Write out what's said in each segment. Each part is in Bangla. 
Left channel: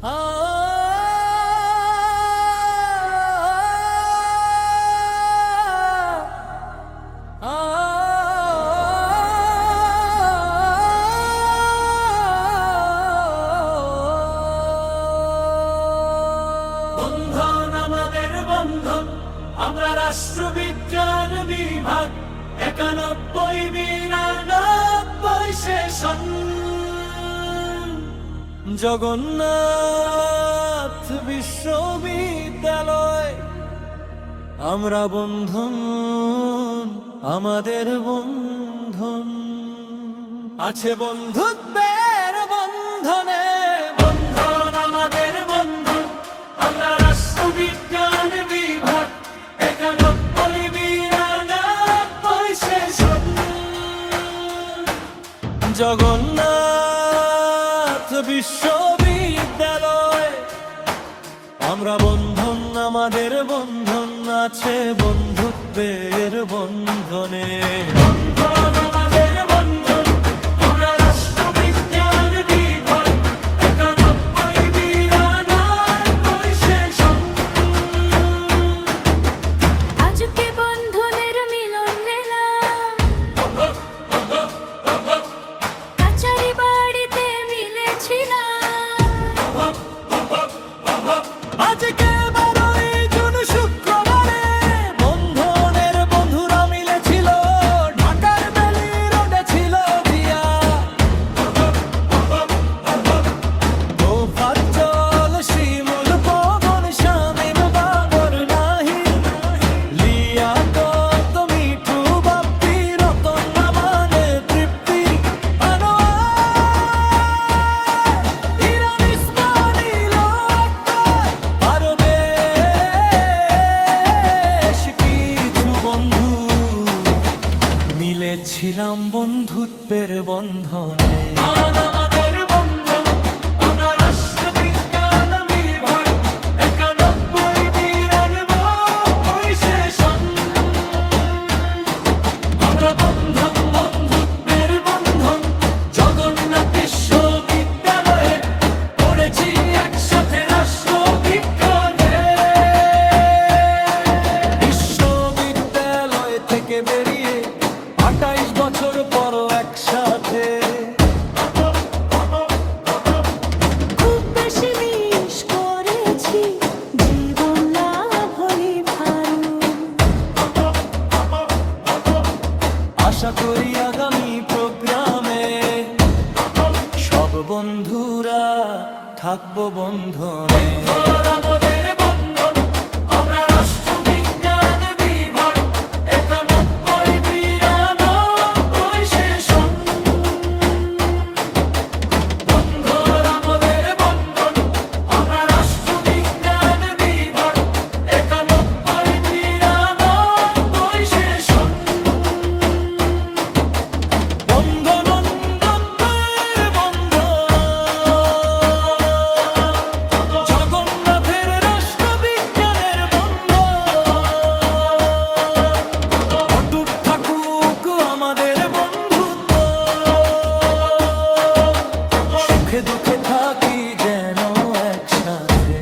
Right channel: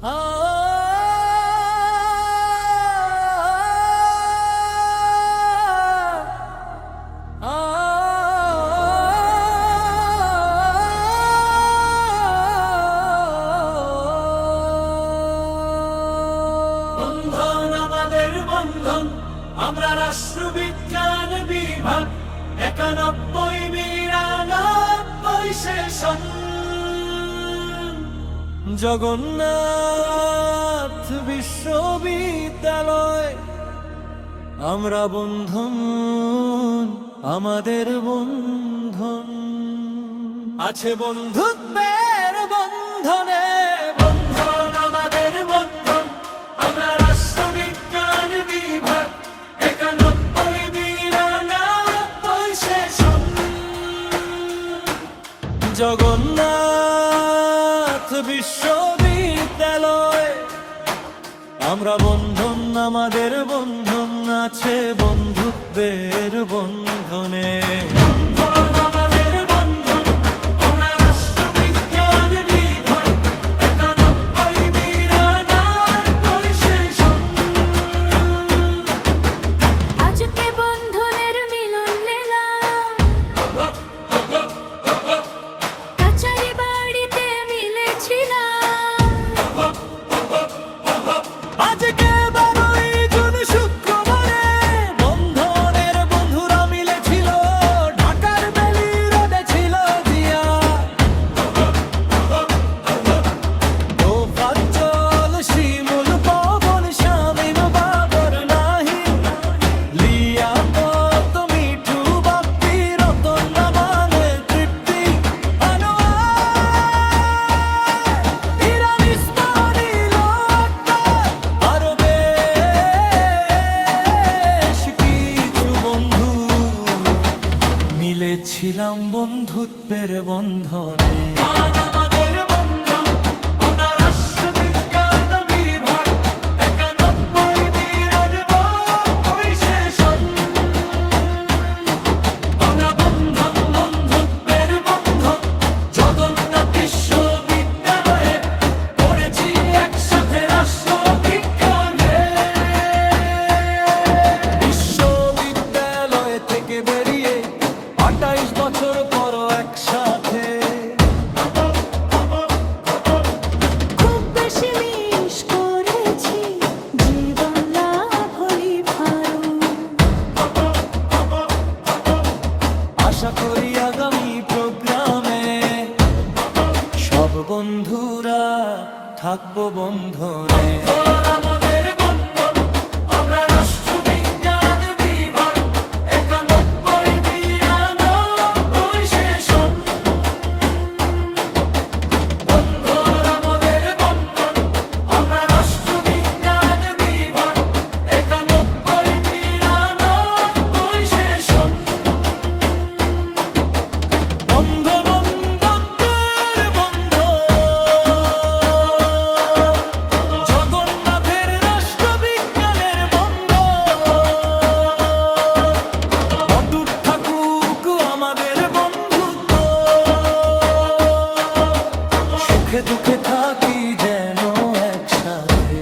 আমরা রাষ্ট্রবিজ্ঞান বিভাগ 91-92 সেশন। জগন্নাথ বিশ্ববিদ্যালয় আমরা বন্ধন, আমাদের বন্ধন আছে বন্ধুত্বের বন্ধনে। বন্ধন আমাদের বন্ধন, আমরা রাষ্ট্রবিজ্ঞান বিভাগ 91-92 সেশন। জগন্নাথ বিশ্ববিদ্যালয় আমরা বন্ধন, আমাদের বন্ধন আছে বন্ধুত্বের বন্ধনে। আজকে 12ই জুন শুক্রবারে বন্ধনের বন্ধুরা মিলেছিল, ঢাকার বেলি রোডে ছিল দিয়া। তোফাজ্জল, শিমুল, পবন, শামীম, বাবর, নাহিদ, লিয়াকত, মিঠু, বাপ্পি, রতন, মানে তৃপ্তি, আনোয়ার, ইরান, ইসমাইল, আরো বেশ কিছু বন্ধু মিলেছিলাম বন্ধুত্বের বন্ধনে। থেকে বেরিয়ে 28 বছর পর একসাথে, খুব বেশি মিস করেছি জীবন লাভ হলি ফারু। আশা করি আগামী প্রোগ্রামে সব বন্ধুরা থাকবো বন্ধনে। আমাদের বন্ধুত্ব, সুখে দুঃখে থাকি যেন একসাথে।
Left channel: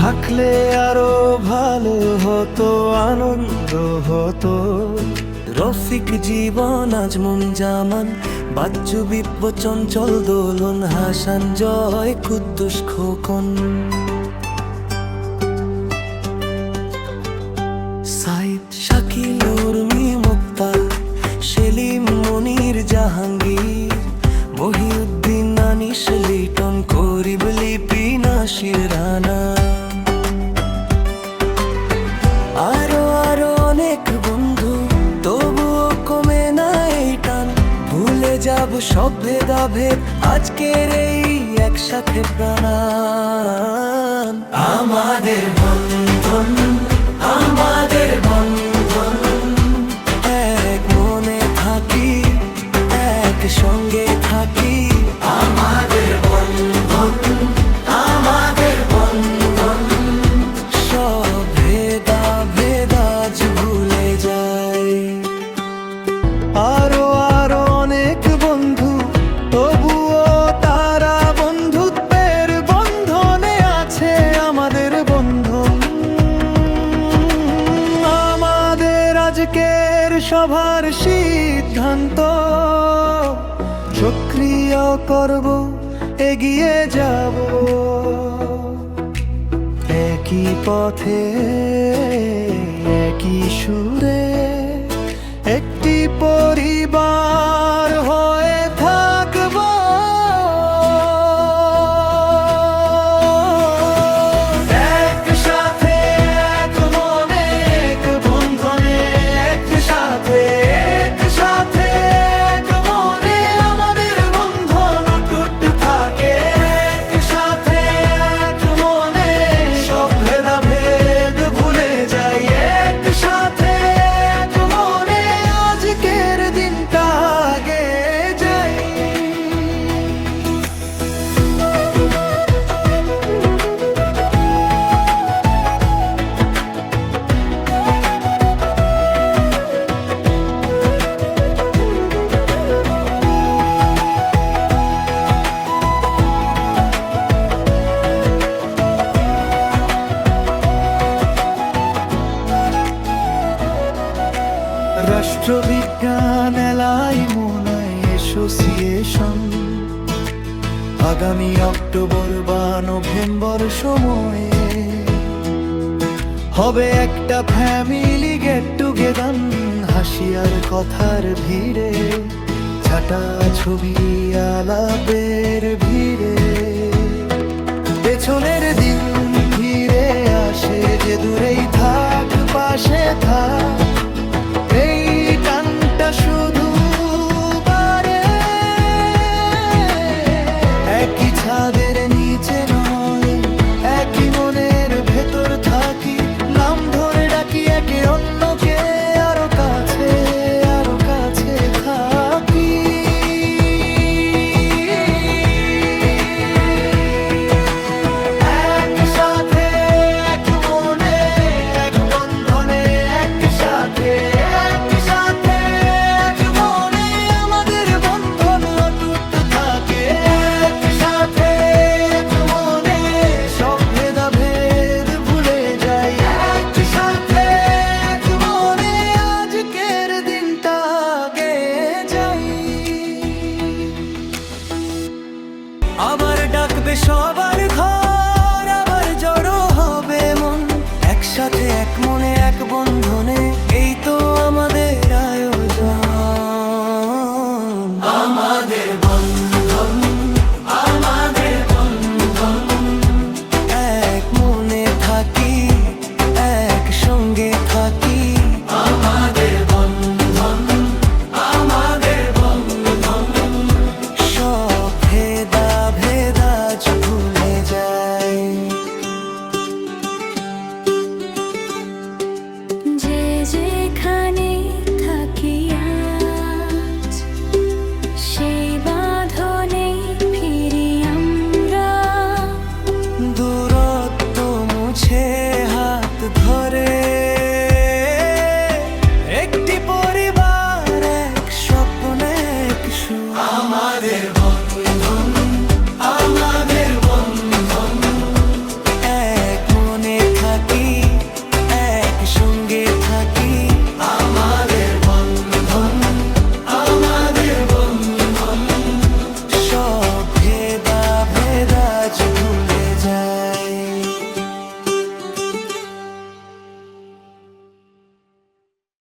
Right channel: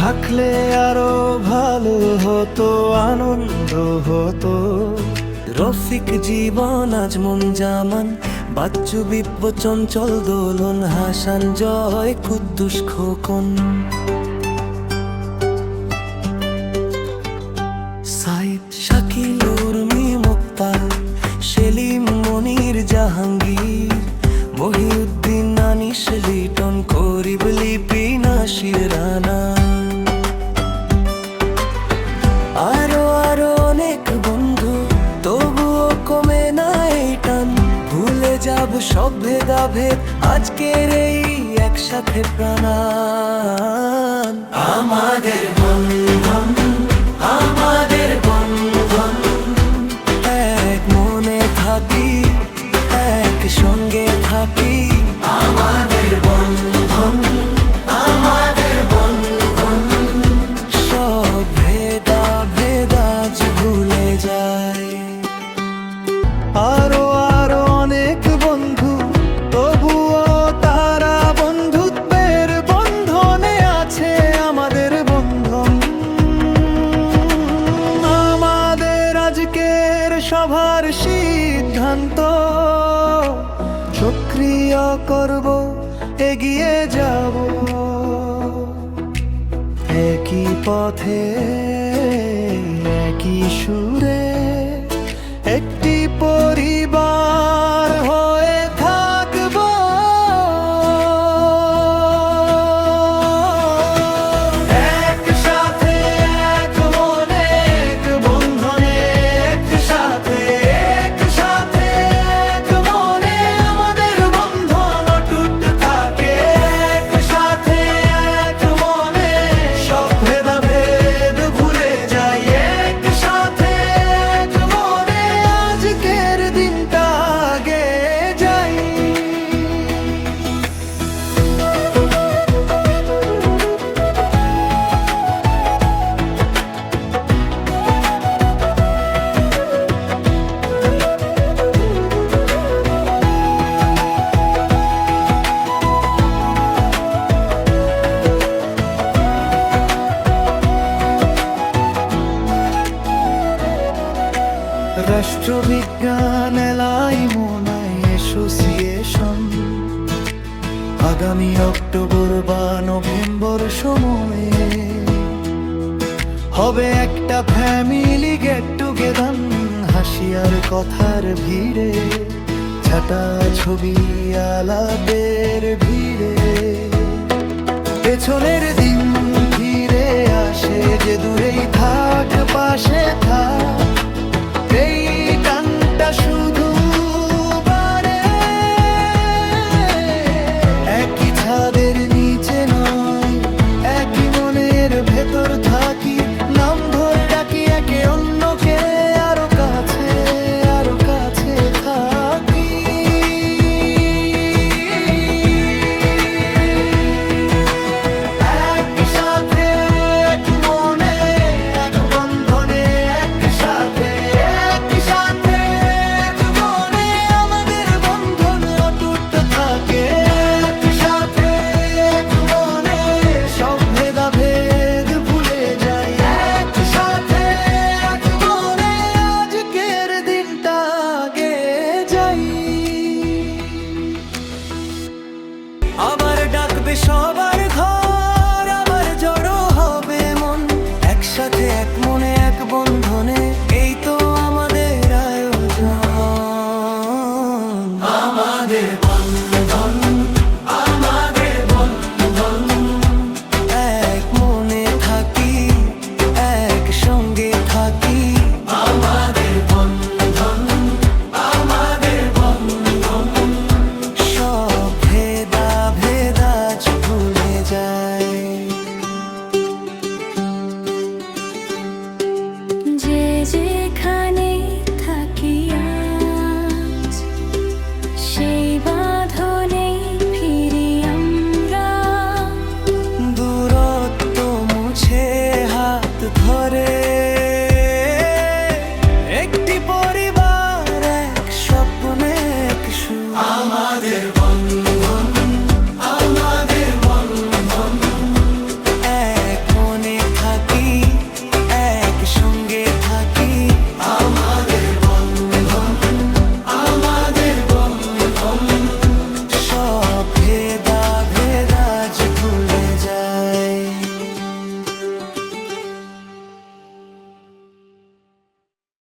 থাকলে আরো ভালো হতো, আনন্দ হতো। রফিক, জীবন, আজমন, জামান, বাচ্চু, বিপ্প, চঞ্চল, দোলন, হাসান, জয়, কুদ্দুস, খোকন, সাইদ, শাকিল, উর্মি, মুক্তা, সেলিম, মনির, জাহাঙ্গীর, মহিউদ্দিন, আনিস, লিটন, করিব, লিপি, নাসির, রানা, আরো আরো অনেক বন্ধু, তবুও কমে না এই টান। ভুলে যাব সব ভেদাভেদ আজকের এই একসাথে প্রাণ। আমাদের বন্ধন, আমাদের বন্ধন, এক মনে থাকি, এক সঙ্গে থাকি। আমাদের বন্ধন, আমাদের বন্ধন, সব ভেদাভেদ আজ ভুলে যাই। আরো আরো অনেক বন্ধু, তবুও তারা বন্ধুত্বের বন্ধনে আছে আমাদের বন্ধন। আমাদের আজকের সভার সিদ্ধান্ত, সক্রিয় করব, এগিয়ে যাব একই পথে, একই সুরে, একটি পরিবার হয়ে থাকব। একসাথে এক মনে এক বন্ধনে, একসাথে একসাথে এক মনে আমাদের বন্ধন অটুট থাকে। একসাথে এক মনে সব ভেদাভেদ ভুলে যাই। একসাথে এক মনে আজকের দিনটা আগে যাই। রাষ্ট্রবিজ্ঞান এলাইমনাই অ্যাসোসিয়েশন আগামী অক্টোবর বা নভেম্বর সময়ে হবে একটা ফ্যামিলি গেট টুগেদার। হাসি আর কথার ভিড়ে, ছাটা ছবি আলাপের ভিড়ে, পেছনের দিন ফিরে আসে যে দূরেই থাক পাশে থাক। এই টানটা শুধু বাড়ে, একই ছাদের নিচে নয়, একই মনের ভেতর থাকি। নাম ধরে ডাকি একে অন্যকে, আরো কাছে আরো কাছে থাকি। একসাথে এক মনে এক বন্ধনে, একসাথে একসাথে এক মনে আমাদের বন্ধন অটুট থাকে। একসাথে এক মনে সব ভেদাভেদ ভুলে যাই। একসাথে এক মনে আজকের দিনটা আগে যাই। আবার ডাকবে সবার ঘর, আবার জড়ো হবে মন, একসাথে এক মনে এক বন্ধনে, এই তো আমাদের আয়োজন। আমাদের বন্ধন, আমাদের বন্ধন, এক মনে থাকি, এক সঙ্গে থাকি। আমাদের বন্ধন, আমাদের বন্ধন, সব ভেদাভেদ আজ ভুলে যাই। যে যেখানে থাকি আজ, সেই বাঁধনে ফিরি আমরা। দূরত্ব মুছে হাত ধরে, একটি পরিবার, এক স্বপ্ন, এক সুর। আমাদের